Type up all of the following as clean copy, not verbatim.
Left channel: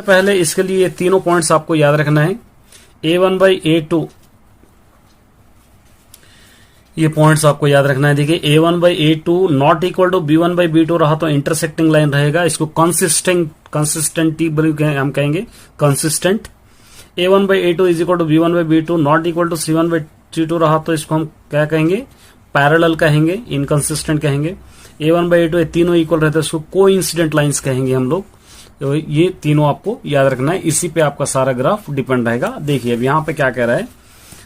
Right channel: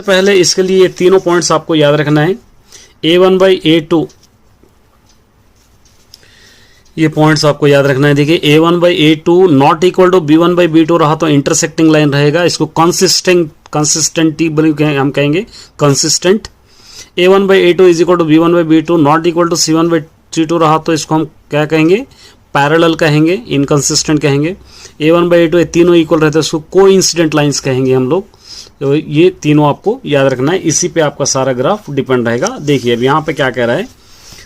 सबसे पहले इसके लिए तीनों पॉइंट्स आपको याद रखना है। A1/A2 ये पॉइंट्स आपको याद रखना है। देखिए A1/A2 not equal to B1/B2 रहा तो इंटरसेक्टिंग लाइन रहेगा, इसको कंसिस्टेंटी हम कहेंगे consistent. A1/A2 is equal to B1/B2 not equal to C1/C2 रहा तो इसको हम क्या कहेंगे, पैरेलल कहेंगे, इनकंसिस्टेंट कहेंगे। A1/A2 ये तीनों इक्वल रहते हैं, इसको कोइंसिडेंट लाइंस कहेंगे हम लोग। तो ये तीनों आपको याद रखना है, इसी पे आपका सारा ग्राफ डिपेंड रहेगा। देखिए अब यहाँ पे क्या कह रहा है,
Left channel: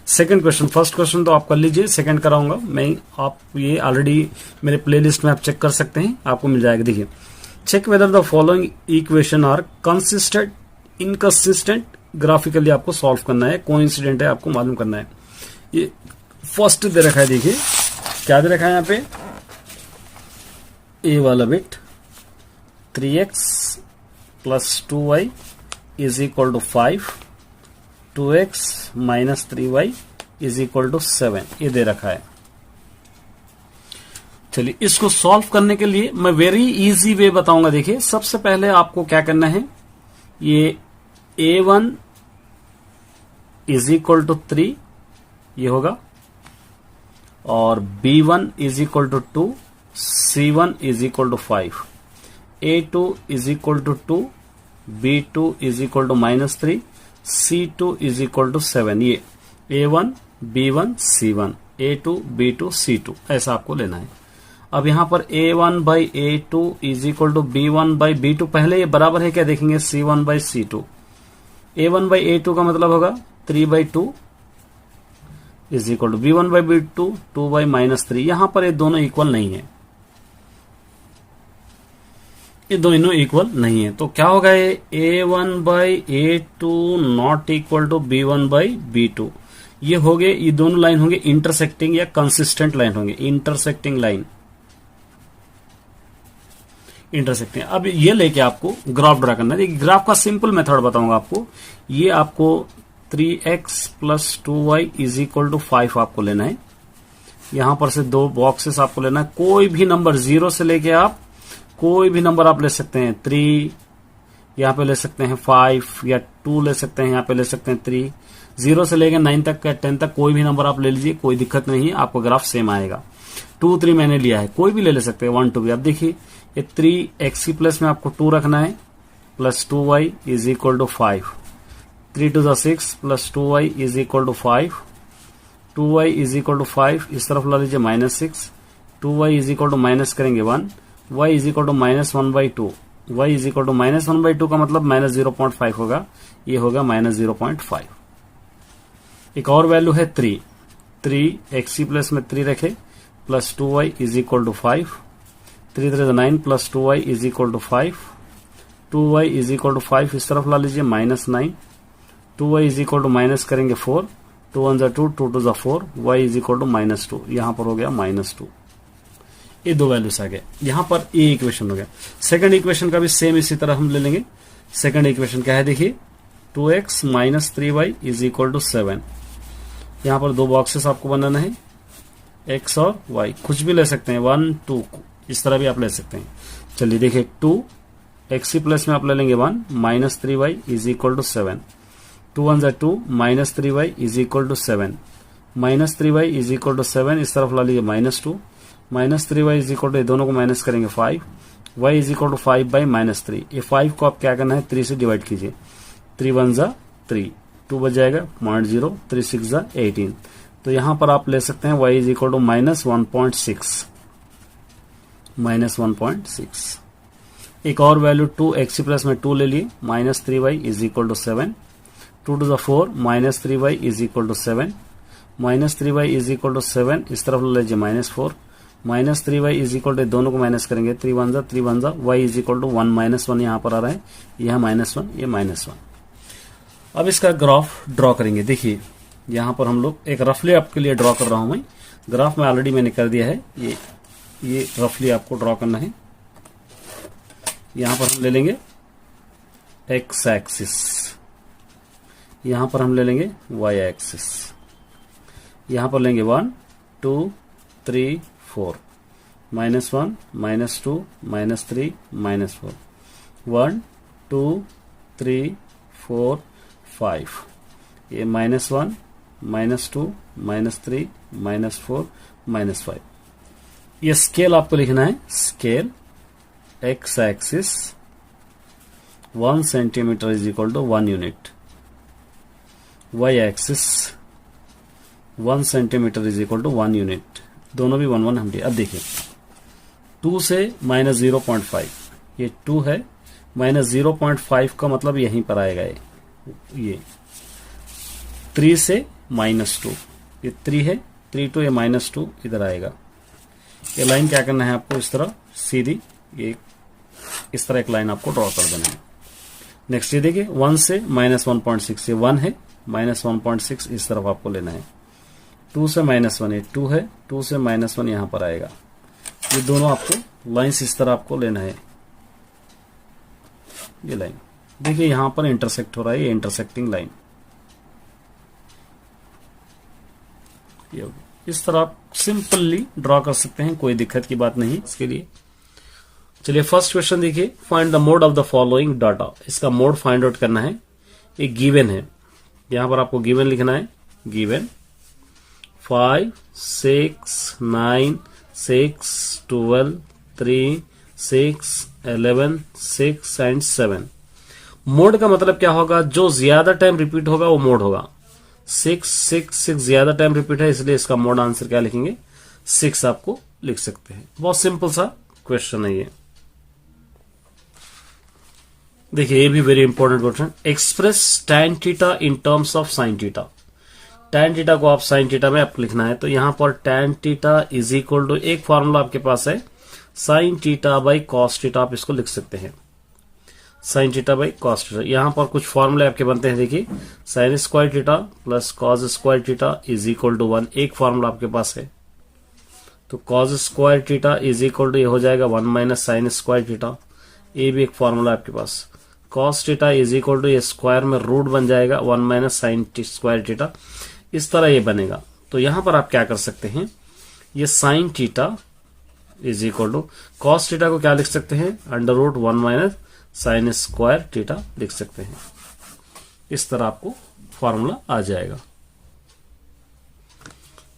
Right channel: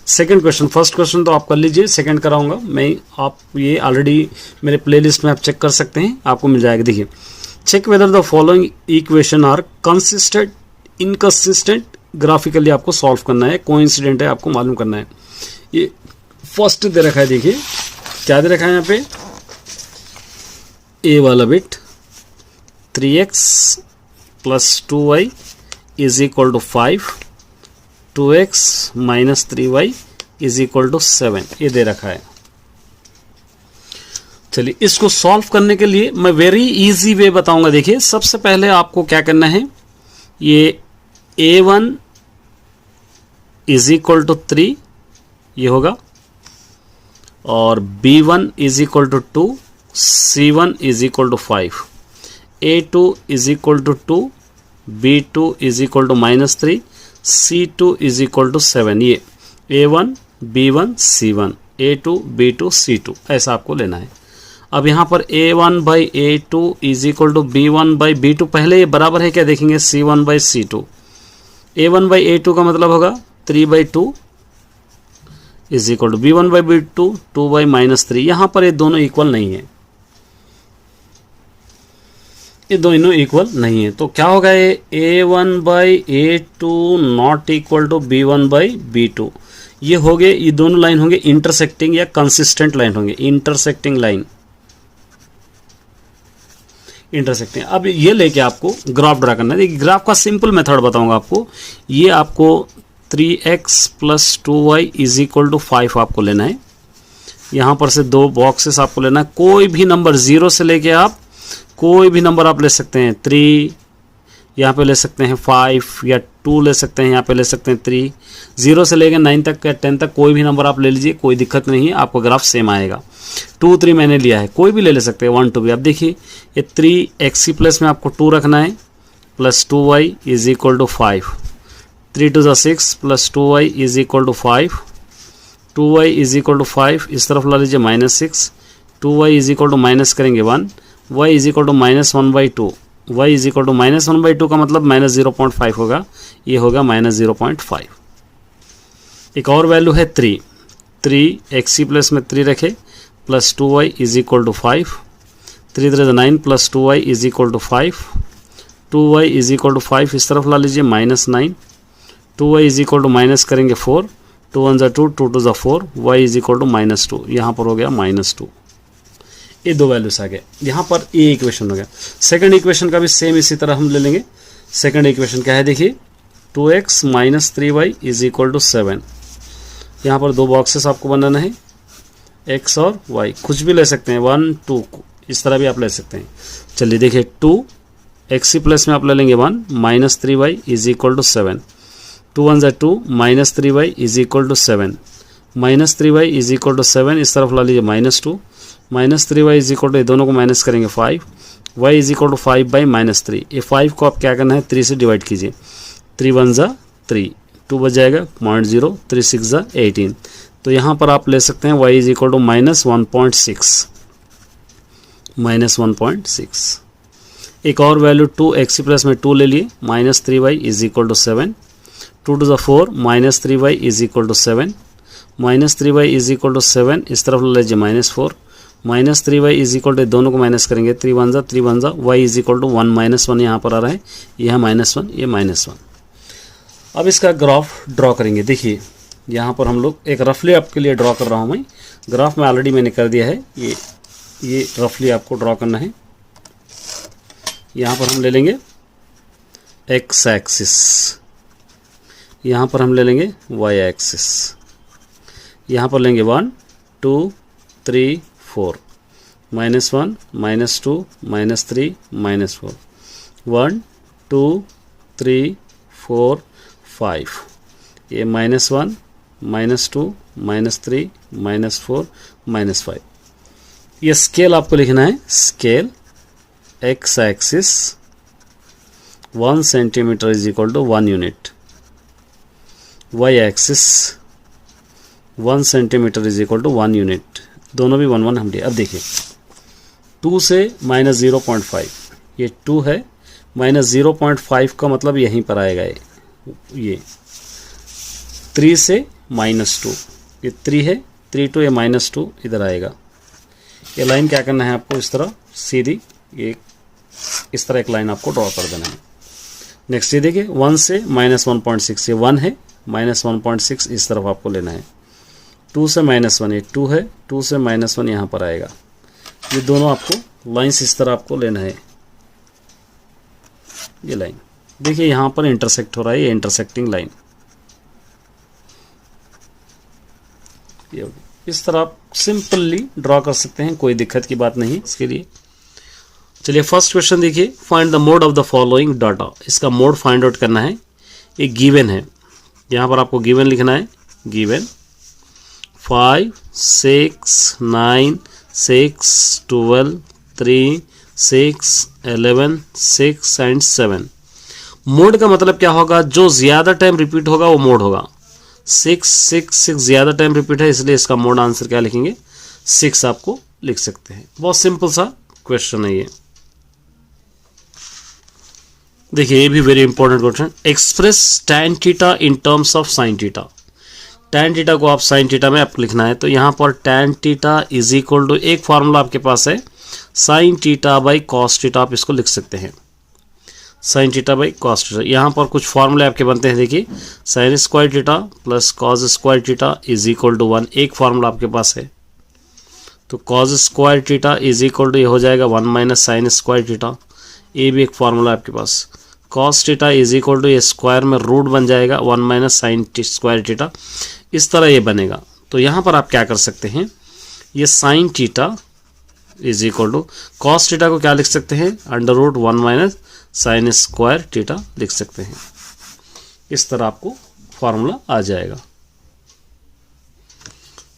सेकंड क्वेश्चन, फर्स्ट क्वेश्चन तो आप कर लीजिए, सेकंड कराऊंगा मैं। आप ये ऑलरेडी मेरे प्लेलिस्ट में आप चेक कर सकते हैं, आपको मिल जाएगा। देखिए check whether the following equation are consistent inconsistent, graphically आपको सॉल्व करना है, कोइंसिडेंट है आपको मालूम करना है। ये फर्स्ट दे रखा है, देखिए क्या दे रखा है यहाँ पे, ए वाला bit 3x plus 2y is equal to 5, 2x minus 3y is equal to 7, ये दे रखा है। चलिए इसको सॉल्व करने के लिए मैं वेरी इजी वे बताऊंगा। देखिए सबसे पहले आपको क्या करना है, ये a1 इज इक्वल टू 3 ये होगा, और b1 is equal to 2, c1 is equal to 5, a2 is equal to 2, b2 is equal to minus 3, c2 is equal to 7। ये a1 b1 c1 a2 b2 c2 ऐसा आपको लेना है। अब यहाँ पर a1/a2 is equal to b1/b2, पहले ये बराबर है क्या देखेंगे, c1/c2। a1/a2 का मतलब होगा 3/2 इज इक्वल टू b1/b2 2/-3। यहाँ पर ये दोनों इक्वल नहीं है, ये दोनों इक्वल नहीं है, तो क्या होगा, ये a1/a2 not equal to b1/b2। ये हो गए, ये दोनों लाइन होंगे इंटरसेक्टिंग या कंसिस्टेंट लाइन होंगे, इंटरसेक्टिंग लाइन, इंटरसेक्टिंग। अब ये लेके आपको ग्राफ ड्रा करना है। देखिए ग्राफ का सिंपल मेथड बताऊंगा आपको। ये आपको 3x plus 2y is equal to 5 आपको लेना है। यहां पर से दो बॉक्सेस आपको लेना है, कोई भी नंबर 0 से लेके आप कोई भी नंबर आप ले सकते हैं, 3 यहाँ पे ले सकते हैं, 5 या 2 ले सकते हैं, यहाँ पे ले सकते हैं 3, 0 से लेके 9 तक या 10 तक कोई भी नंबर आप ले लीजिए, कोई दिक्कत नहीं है, आपको ग्राफ सेम आएगा। 2 3 मैंने लिया है, कोई भी ले सकते हैं, 1 2 भी। अब देखिए ये 3x प्लस में आपको 2 रखना है, plus 2y is equal to 5, 3 2 6 plus 2y is equal to 5, 2y is equal to 5, इस तरफ ला लीजिए -6, 2y is equal to minus करेंगे 1, y is equal to -1/2, y is equal to -1/2 का मतलब -0.5 होगा, ये होगा -0.5। एक और वैल्यू है 3, 3x प्लस में 3 रखे, plus 2y is equal to 5, 3 3 9 plus 2y is equal to 5, 2y is equal to 5, इस तरफ ला लीजिए -9, 2y is equal to minus करेंगे 4, 2 1 2 2 2 4, y इज इक्वल टू -2, यहाँ पर हो गया -2। ये दो वैल्यूज आ गए, यहाँ पर ये इक्वेशन हो गया। सेकंड इक्वेशन का भी सेम इसी तरह हम ले लेंगे। सेकंड इक्वेशन क्या है, देखिए 2x minus 3y is equal to 7। यहाँ पर दो बॉक्सेस आपको बनाना है, x और y, कुछ भी ले सकते हैं, 1 2 इस तरह भी आप ले सकते हैं। चलिए देखिए 2x प्लस में आप ले लेंगे 1 minus 3y is equal to 7, 2 1 2 minus 3y is equal to 7, minus 3y is equal to 7, इस तरफ ला लीजिए -2, minus 3y is equal to, दोनों को माइनस करेंगे 5, y इज इक्वल टू 5/-3। ये 5 को आप क्या करना है, 3 से डिवाइड कीजिए, 3 1 3, 2 बच जाएगा 0.0, 3 6 18। तो यहाँ पर आप ले सकते हैं y इज इक्वल टू -1.6, -1.6। एक और वैल्यू 2x प्लस में 2 ले लिए, -3y is equal to 7, 2 2 4 -3y is equal to 7, -3y is equal to 7, इस तरफ ले लीजिए -4, -3y इज इक्वल टू, दोनों को माइनस करेंगे, 3 1 y इज इक्वल टू 1 -1 यहाँ पर आ रहा है, यह -1 ये -1। अब इसका ग्राफ ड्रॉ करेंगे। देखिए यहाँ पर हम लोग एक रफली आपके लिए ड्रॉ कर रहा हूँ मैं, ग्राफ में ऑलरेडी मैंने कर दिया है, ये रफली आपको ड्रॉ करना है। यहाँ पर हम ले लेंगे x एक्सिस, यहाँ पर हम ले लेंगे y एक्सिस, यहाँ पर लेंगे 1 2 3 4, -1 -2 -3 -4, 1 2 3 4 5, ये -1 -2 -3 -4 -5। ये स्केल आपको लिखना है, scale x axis 1 centimetre is equal to 1 unit, y axis 1 centimetre is equal to 1 unit, दोनों भी 1 1 हम दिए। अब देखिए 2 से -0.5, ये 2 है, -0.5 का मतलब यहीं पर आएगा ये 3 से -2, ये 3 है, 3 to ये -2 इधर आएगा। ये लाइन क्या करना है आपको, इस तरह सीधी, ये इस तरह एक लाइन आपको ड्रॉ कर देना है। नेक्स्ट ये देखिए 1 से -1.6, ये 1 है, -1.6 इस तरफ आपको लेना है। 2 से -1, ये 2 है, 2 से -1 यहाँ पर आएगा। ये दोनों आपको लाइन्स इस तरह आपको लेना है। ये लाइन देखिए यहाँ पर इंटरसेक्ट हो रहा है, ये इंटरसेक्टिंग लाइन, इस तरह आप सिंपली ड्रॉ कर सकते हैं, कोई दिक्कत की बात नहीं इसके लिए। चलिए फर्स्ट क्वेश्चन देखिए, find the mode of the following data. इसका मोड फाइंड आउट करना है। एक गिवन है, यहाँ पर आपको गिवन लिखना है, गिवन 5 6 9 6 12 3 6 11 6 एंड 7। मोड का मतलब क्या होगा, जो ज्यादा टाइम रिपीट होगा वो मोड होगा। 6 6 6 ज्यादा टाइम रिपीट है, इसलिए इसका मोड आंसर क्या लिखेंगे, 6 आपको लिख सकते हैं। बहुत सिंपल सा क्वेश्चन है ये। देखिए ये भी very important question, express tan theta in terms of sin theta. tan theta को आप sin थीटा में आपको लिखना है, तो यहाँ पर tan theta is equal to, एक फॉर्मूला आपके पास है sin theta by cos theta, आप इसको लिख सकते हैं sin theta by cos theta. यहाँ पर कुछ फॉर्मूले आपके बनते हैं, देखिए sin square theta plus cos square theta is equal to 1, एक फॉर्मूला आपके पास है। तो cos square theta is equal to ये हो जाएगा 1 माइनस साइन स्क्वायर थीटा, ये भी एक फॉर्मूला आपके पास। cos theta is equal to ये स्क्वायर में रूट बन जाएगा 1 माइनस साइन स्क्वायर थीटा, इस तरह ये बनेगा। तो यहाँ पर आप क्या कर सकते हैं, ये sine theta is equal to cos theta को क्या लिख सकते हैं, under root 1 minus sine square theta लिख सकते हैं। इस तरह आपको फॉर्मूला आ जाएगा।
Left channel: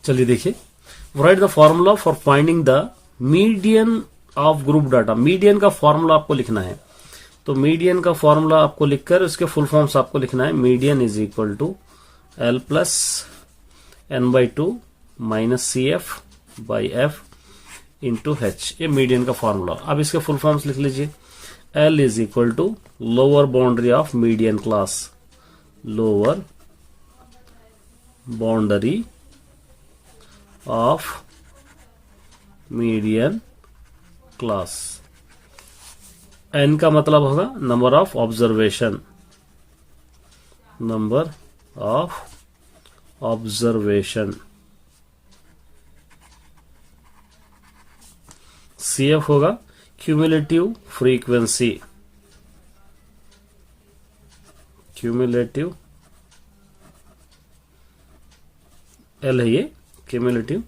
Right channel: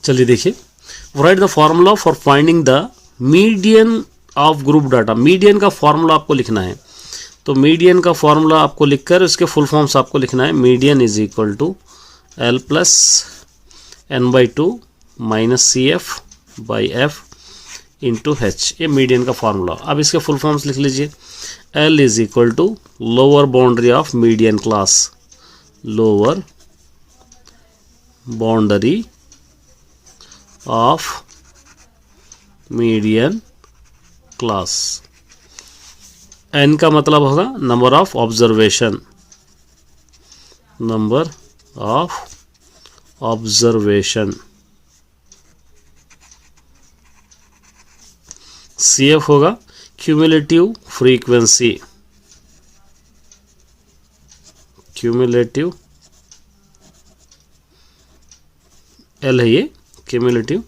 चलिए देखिए, right the formula for finding the median of group data. Median का फॉर्मूला आपको लिखना है, तो मीडियन का फॉर्मूला आपको लिखकर उसके फुल फॉर्म्स आपको लिखना है। Median is equal to L plus n/2 minus CF by F into H, ये मीडियन का फॉर्मूला। अब इसके फुल फॉर्म्स लिख लीजिए। L is equal to lower boundary of median class, lower boundary of median class. n का मतलब होगा number of observation, number of observation. CF होगा क्यूमुलेटिव फ्रीक्वेंसी, क्यूमुलेटिव, L है ये क्यूमुलेटिव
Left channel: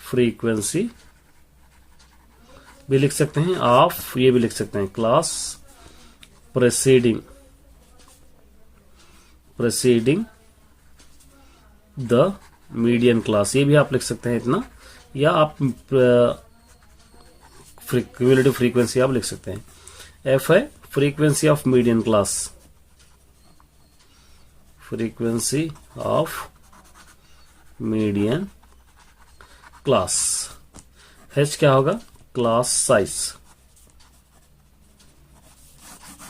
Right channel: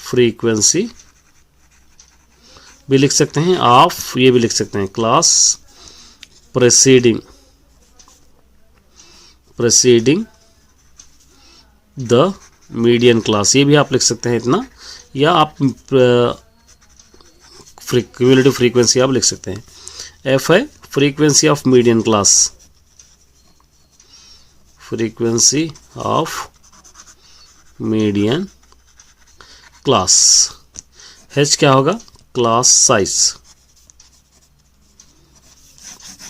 फ्रीक्वेंसी भी लिख सकते हैं, ऑफ ये भी लिख सकते हैं, क्लास प्रेसीडिंग द मीडियन क्लास, ये भी आप लिख सकते हैं इतना, या आप क्यूमुलेटिव फ्रीक्वेंसी आप लिख सकते हैं। F है frequency of median class, frequency of median class. H क्या होगा, क्लास साइज।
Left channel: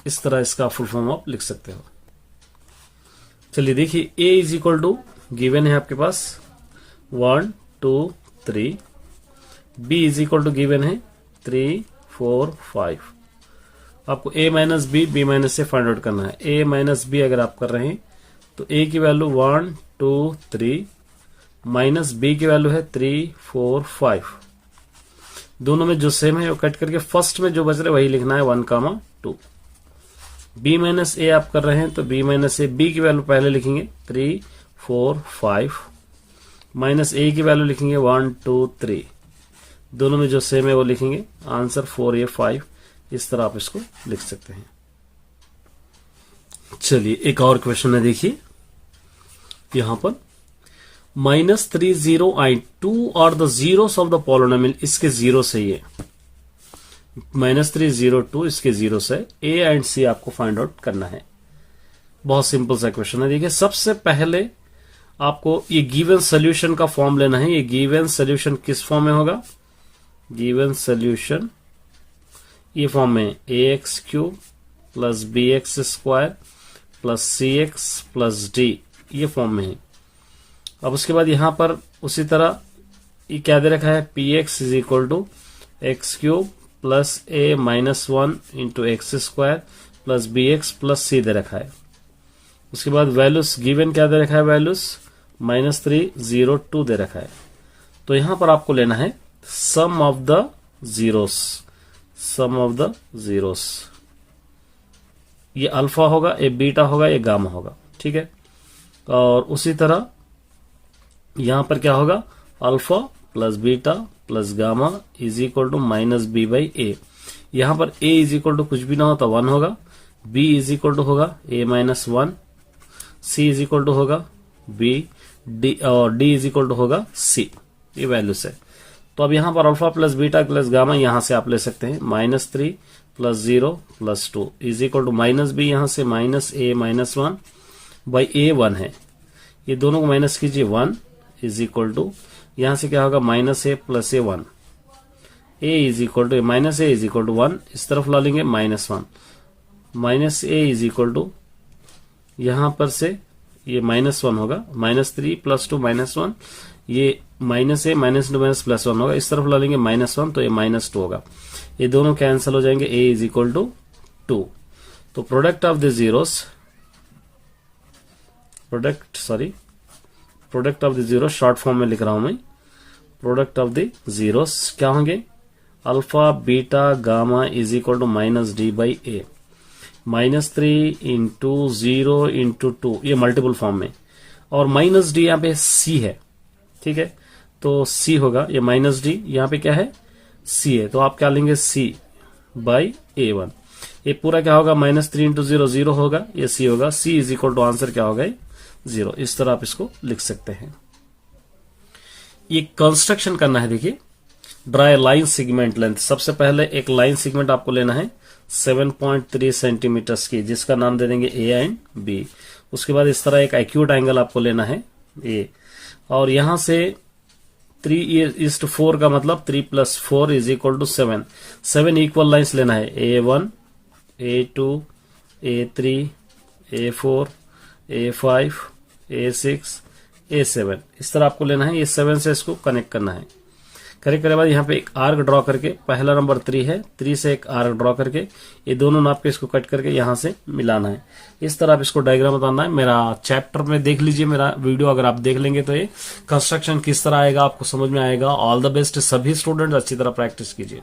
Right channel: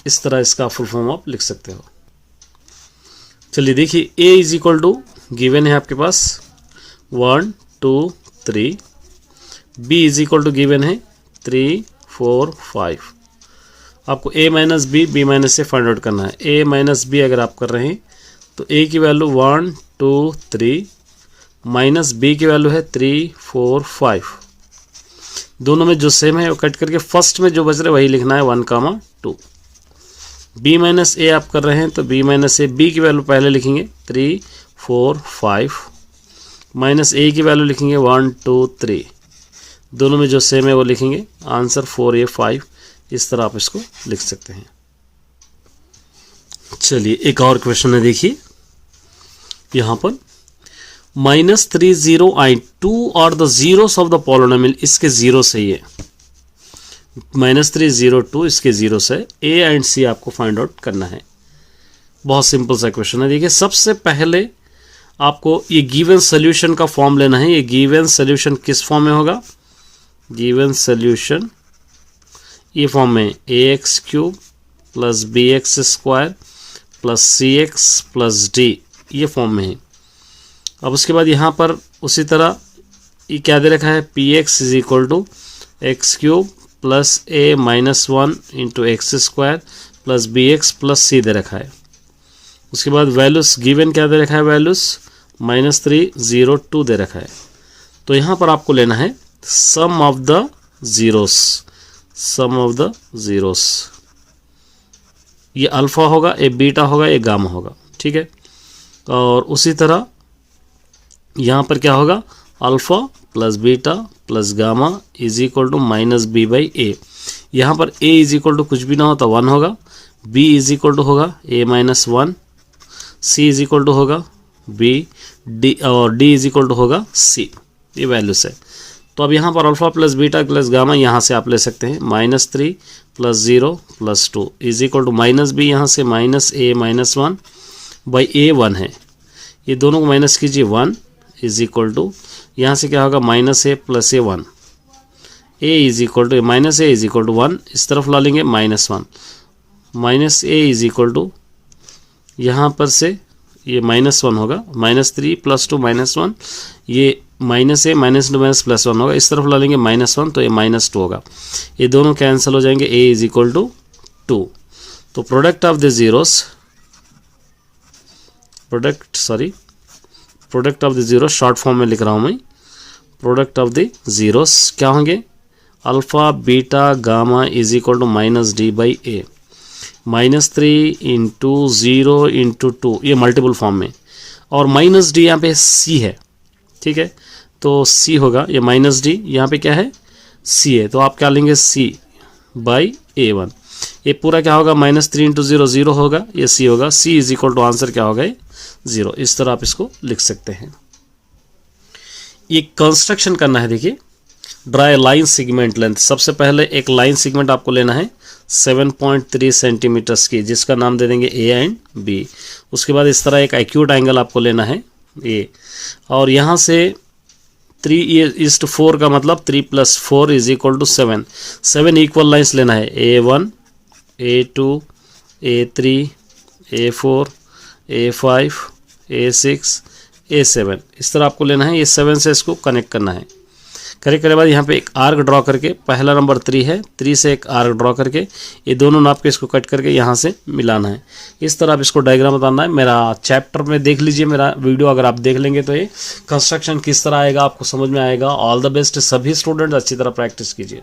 इस तरह इसका फुल फॉर्म आप लिख सकते हो। चलिए देखिए, A is equal to given है आपके पास 1 2 3, B is equal to given है 3 4 5। आपको A minus B, B minus से फाइंड आउट करना है। A माइनस बी अगर आप कर रहे हैं तो A की वैल्यू 1 2 3 माइनस B की वैल्यू है 3 4 5। दोनों में जो सेम है वो कट करके फर्स्ट में जो बच रहा है वही लिखना है 1 2। B माइनस ए आप कर रहे हैं तो B माइनस ए, B की वैल्यू पहले लिखेंगे 3 4 5, माइनस ए की वैल्यू लिखेंगे 1 2 3। दोनों में जो सेम है वो लिखेंगे, आंसर 4A 5। इस तरह आप इसको लिख सकते हैं। चलिए एक और क्वेश्चन है, देखिए यहां पर -3 2 और the zeros of the polynomial, इसके जीरो सही है। -3 2 इसके जीरो से ए एंड सी आपको फाइंड आउट करना है। बहुत सिंपल सा क्वेश्चन है। देखिए सबसे पहले आपको ये गिवन सोल्यूशन का फॉर्म लेना है। ये गिवन सोल्यूशन किस फॉर्म में होगा? गिवन सोल्यूशन ये फॉर्म में ax³ + bx² + cx + d, ये फॉर्म में है। अब उसके बाद यहाँ पर उसी तरह ये क्या दे रखा है? px = x³ + a - 1 × x² + bx + c दे रखा है। उसके बाद वैल्यूज गिवन क्या दे रखा है? वैल्यूज -3 0 2 दे रखा है। तो यहाँ पर आपको लेना है sum of the zeros. Sum of the zeros, ये अल्फा होगा, ये बीटा होगा, ये गामा होगा, ठीक है। और उसी तरह यहाँ पर क्या होगा? Alpha + beta + gamma = -b/a। यहाँ पर a = कुछ भी ना हो तो 1 होगा, b = होगा a - 1, c = होगा b, d और d = होगा c। ये वैल्यूज है। तो अब यहाँ पर अल्फा + बीटा + गामा यहाँ से आप ले सकते हैं। -3 + 0 + 2 = -b, यहाँ से -a - 1/a 1 है। ये दोनों को माइनस कीजिए, 1 = यहाँ से क्या होगा? -a + a 1। a = -a = 1, इस तरफ ला लेंगे -1। -a = यहाँ पर से ये -1 होगा, -3 + 2 -1, ये -a - 2 +1 होगा, इस तरफ ला लेंगे -1, तो ये -2 होगा। ये दोनों कैंसिल हो जाएंगे, a = 2। तो product of the zeros, product of the zero short form में लिख रहा हूं मैं। प्रोडक्ट ऑफ द जीरोस क्या होंगे? Alpha beta gamma = -d/a। -3 × 0 × 2, ये मल्टीपल फॉर्म में, और -d यहाँ पे c है, ठीक है। तो c होगा, ये -d यहाँ पे क्या है? c है, तो आप क्या लेंगे? c/a1। ये पूरा क्या होगा? -3 × 0 0 होगा, ये c होगा। c = आंसर क्या होगा? 0। इस तरह आप इसको लिख सकते हैं। ये कंस्ट्रक्शन करना है। देखिए draw a line segment length. सबसे पहले एक लाइन सेगमेंट आपको लेना है 7.3 सेंटीमीटर्स की, जिसका नाम दे देंगे a एंड b। उसके बाद इस तरह एक एक्यूट एंगल आपको लेना है a, और यहाँ से 3:4 का मतलब 3 + 4 = 7। 7 इक्वल लाइन्स लेना है, a1 a2 a3 a4 a5 a6 a7, इस तरह आपको लेना है। ये 7 से इसको कनेक्ट करना है। कनेक्ट करने के बाद यहाँ पे एक आर्क ड्रॉ करके, पहला नंबर 3 है, 3 से एक आर्क ड्रॉ करके ये दोनों नाप के इसको कट करके यहाँ से मिलाना है। इस तरह आप इसको डायग्राम बताना है। मेरा चैप्टर में देख लीजिए, मेरा वीडियो अगर आप देख लेंगे तो ये कंस्ट्रक्शन किस तरह आएगा आपको समझ में आएगा। ऑल द बेस्ट सभी स्टूडेंट, अच्छी तरह प्रैक्टिस कीजिए।